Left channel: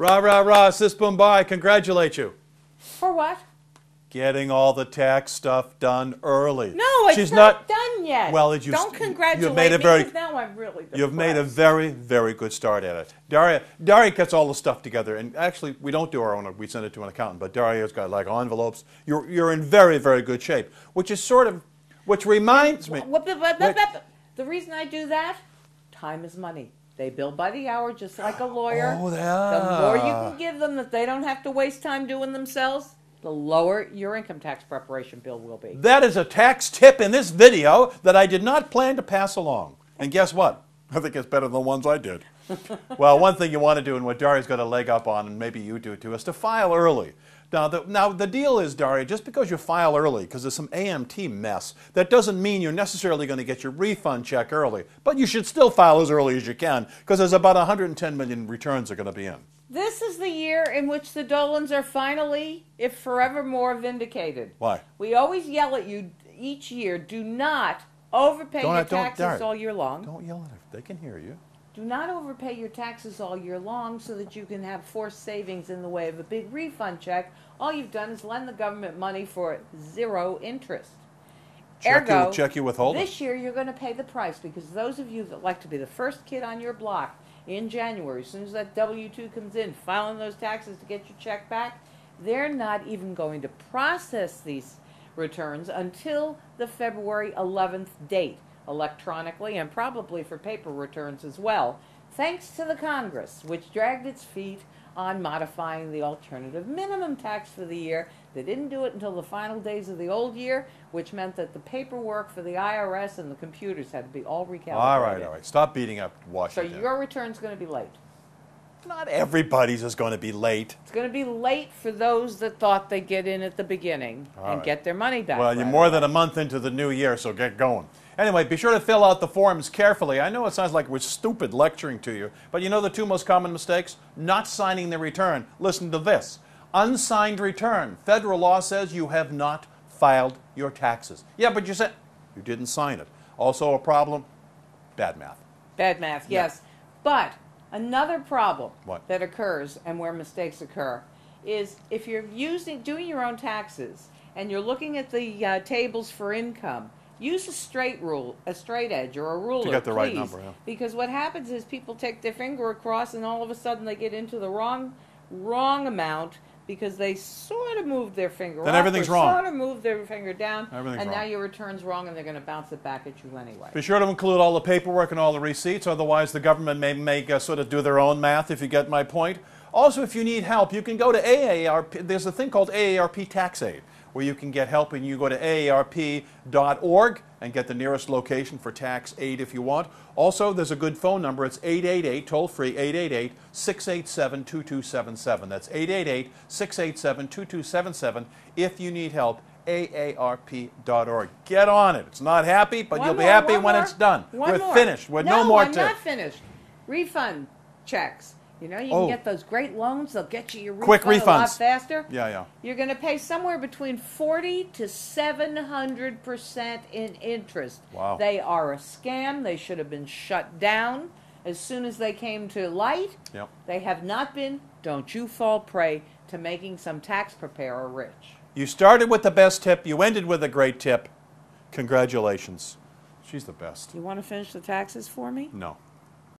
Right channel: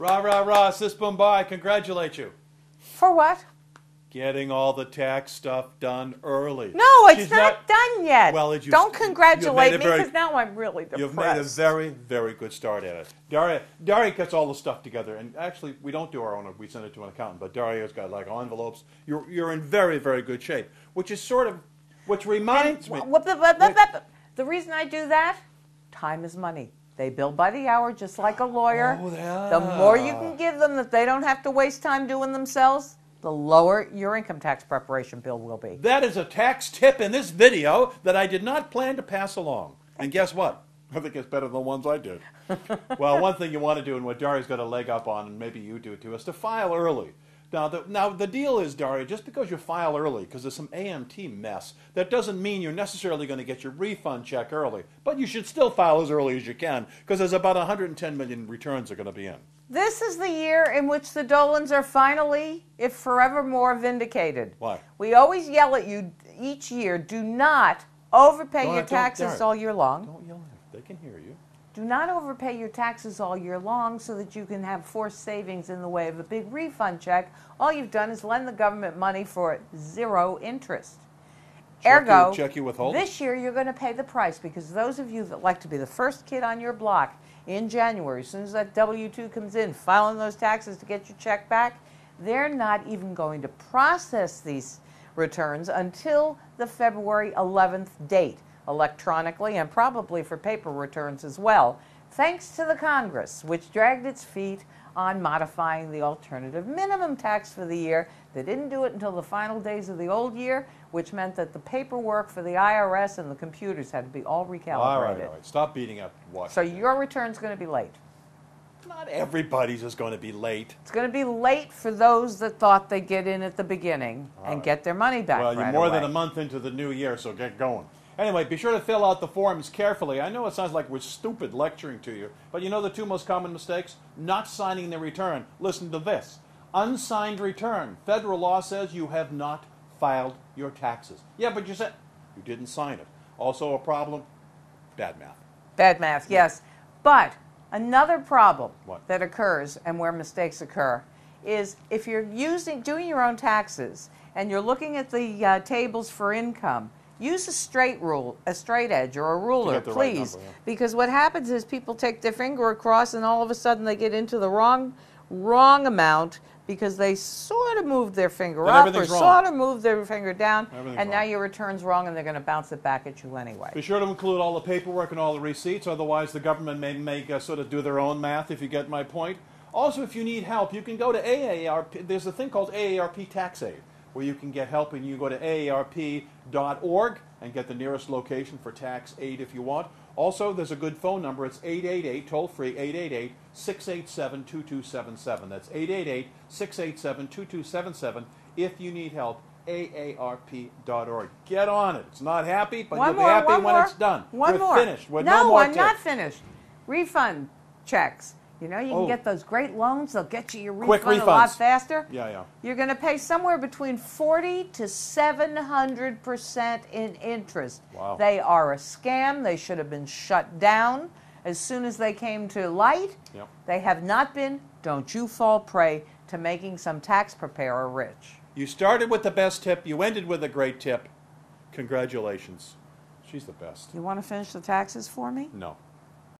Rah, rah, rah, sis boom bye, congratulate you. For what? Getting all the tax stuff done early. No, it's not done yet. Well, don't congratulate me because now I'm really depressed. You've made a very, very good start at it. Daria gets all the stuff together, and actually, we don't do our own. We send it to an accountant, but Daria's got like envelopes. You're in very, very good shape, which is sort of, which reminds me. The reason I do that, time is money. They bill by the hour, just like a lawyer. Oh, yeah. The more you can give them that they don't have to waste time doing themselves, the lower your income tax preparation bill will be. That is a tax tip in this video that I did not plan to pass along. And guess what? I think it's better than the ones I did. Well, one thing you want to do, and what Daria's got a leg up on, and maybe you do too, is to file early. Now the deal is, Daria, just because you file early, because there's some AMT mess, that doesn't mean you're necessarily going to get your refund check early. But you should still file as early as you can, because there's about 110 million returns are going to be in. This is the year in which the Dolans are finally, if forevermore, vindicated. Why? We always yell at you each year, do not overpay your taxes all year long. Don't yell at them. They can hear you. Do not overpay your taxes all year long so that you can have forced savings in the way of a big refund check. All you've done is lend the government money for 0 interest. Ergo, check you withholding. This year you're going to pay the price because those of you that like to be the first kid on your block in January, as soon as that W-2 comes in, filing those taxes to get your check back, they're not even going to process these returns until the February 11th date, electronically and probably for paper returns as well, thanks to the Congress, which dragged its feet on modifying the alternative minimum tax for the year. They didn't do it until the final days of the old year, which meant that the paperwork for the IRS and the computers had to be all recalibrated. All right. Stop beating up Washington. So your return's going to be late. Not everybody's is going to be late. It's going to be late for those that thought they'd get in at the beginning and get their money back. Well, you're more than a month into the new year, so get going. Anyway, be sure to fill out the forms carefully. I know it sounds like we're stupid lecturing to you, but you know the 2 most common mistakes? Not signing the return. Listen to this. Unsigned return. Federal law says you have not filed your taxes. Yeah, but you said you didn't sign it. Also a problem? Bad math. Bad math, yes. But another problem What? that occurs and where mistakes occur is if you're doing your own taxes and you're looking at the tables for income, use a straight edge or a ruler, to get the right please. number, yeah. Because what happens is people take their finger across and all of a sudden they get into the wrong amount because they sort of moved their finger Then up everything's or wrong. sort of moved their finger down, and now wrong. your return's wrong and they're going to bounce it back at you anyway. Be sure to include all the paperwork and all the receipts, otherwise the government may sort of do their own math, if you get my point. Also, if you need help, you can go to AARP. There's a thing called AARP Tax Aid, where you can get help, and you go to aarp.org and get the nearest location for tax aid if you want. Also, there's a good phone number. It's 888, toll-free, 888-687-2277. That's 888-687-2277 if you need help, aarp.org. Get on it. It's not happy, but you'll be happy when it's done. We're finished. We're no more I'm not finished. Refund checks. You know, you can get those great loans. They'll get you your refund a lot faster. Yeah. You're going to pay somewhere between 40 to 700% in interest. Wow. They are a scam. They should have been shut down as soon as they came to light. Yep. They have not been. Don't you fall prey to making some tax preparer rich. You started with the best tip. You ended with a great tip. Congratulations. She's the best. You want to finish the taxes for me? No.